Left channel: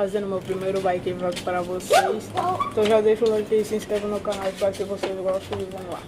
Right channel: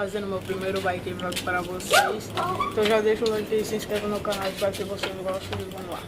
trazendo meu primeiro bike vlog para vocês. Então já deixa o like e se inscreva no canal, espero que vocês gostem e vamos lá.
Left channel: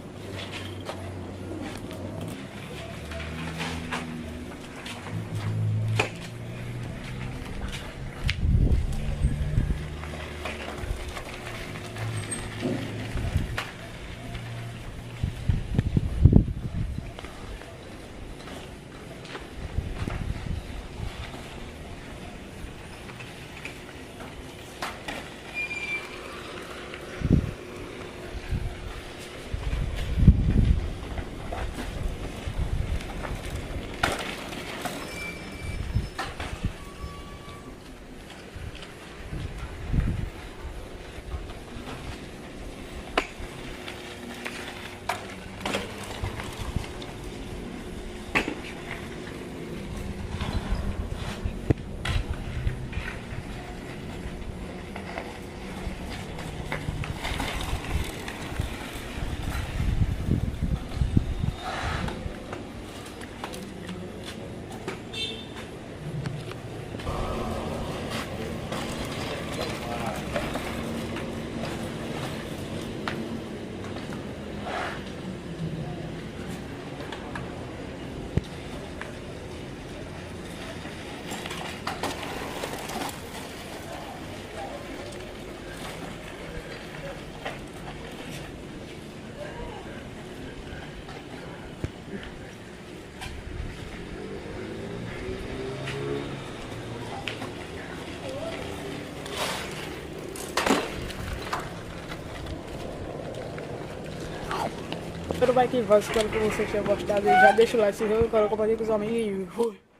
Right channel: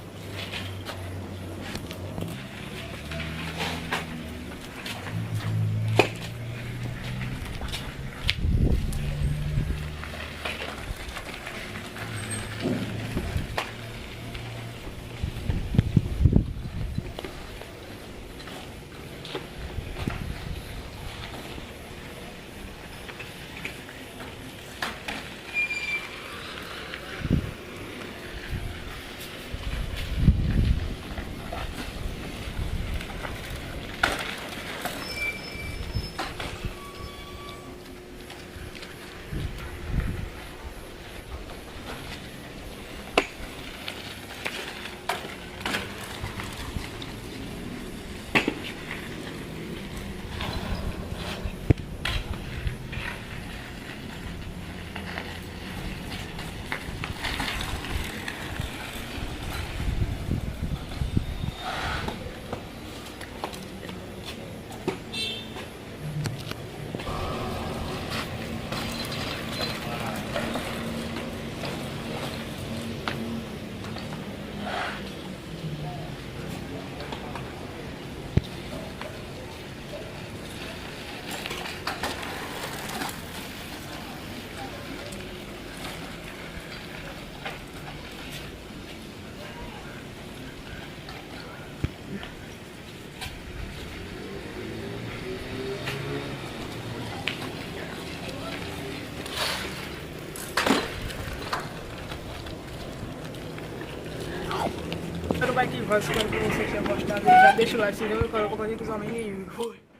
Espero que vai, espero que você tenha gostado. Já deixa o like, se inscreve, coloca com os amigos e fui.